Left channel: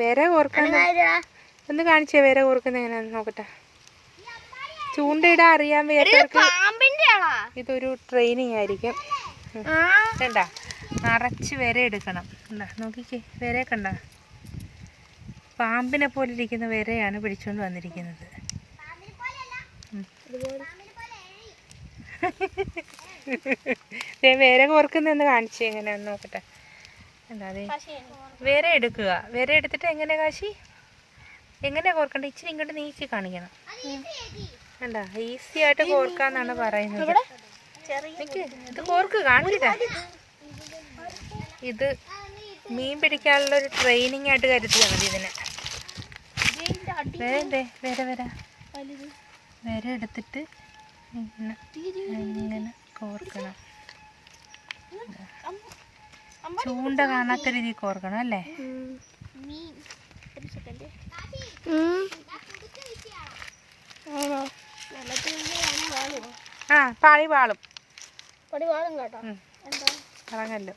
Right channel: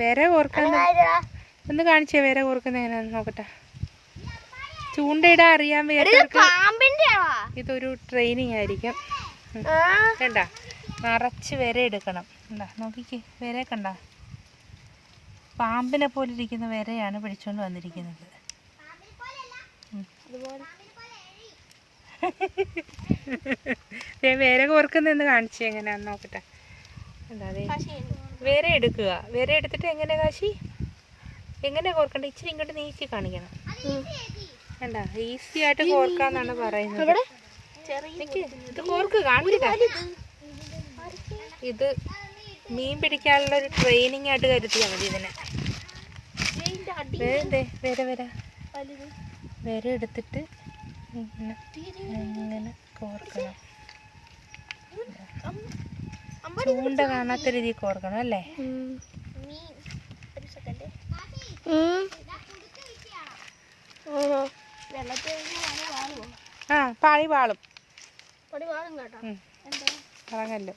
വിര കോർക്കുന്ന ഒന്ന് കാണിച്ചേ, വിര കോർക്കുന്ന എങ്ങനെയാന്ന് നോക്കട്ടെ. ചൂണ്ടയിടാൻ അറിയാൻ വയ്യാത്തവർക്ക് ഇതൊരു ട്രെയിനിങ് ആയിരിക്കും. കണ്ട, നിറച്ച് വിര എടുക്കണം. എന്താ നോക്കിക്കേ, വിര കണ്ട, പാമ്പിനെ പോലെ ഇരിക്കുന്ന വിരയാണ് പിടിച്ചോണ്ട് വന്നിരിക്കുന്നത്. വിര കോർക്കുന്നതെന്ന് കാണിച്ചേ എങ്ങനെയാന്ന് നോക്കട്ടെ. എന്താ അതെ, വിര എടുക്കുക. വിര എടുത്തിട്ട് എങ്ങനെ കാശി എങ്ങനെയാ കോർക്കണ്ട, ഇച്ചിരി ഇങ്ങോട്ട് നീക്കി കാണിക്കണം. വേണ്ട, ഈസി ആയിട്ട് കോർക്കാന്നാണ് പറയുന്നത്. ഇത് കോർക്ക് കാണിക്കട്ടെ. ഇത് മീൻ പിടിക്കാനുള്ള ഒരു ട്രെയിനിങ് ആയിട്ട് കരുതിയാൽ മതി ഇതിനെ. വിര വിര എടുത്തിട്ട് ഇങ്ങനെ കോർക്കണം. ചൂണ്ട കാണാത്ത രീതിയിൽ കോർക്കണം അല്ലേ? ആ, പാളി പാളും കേട്ടോ. പറഞ്ഞല്ലോ.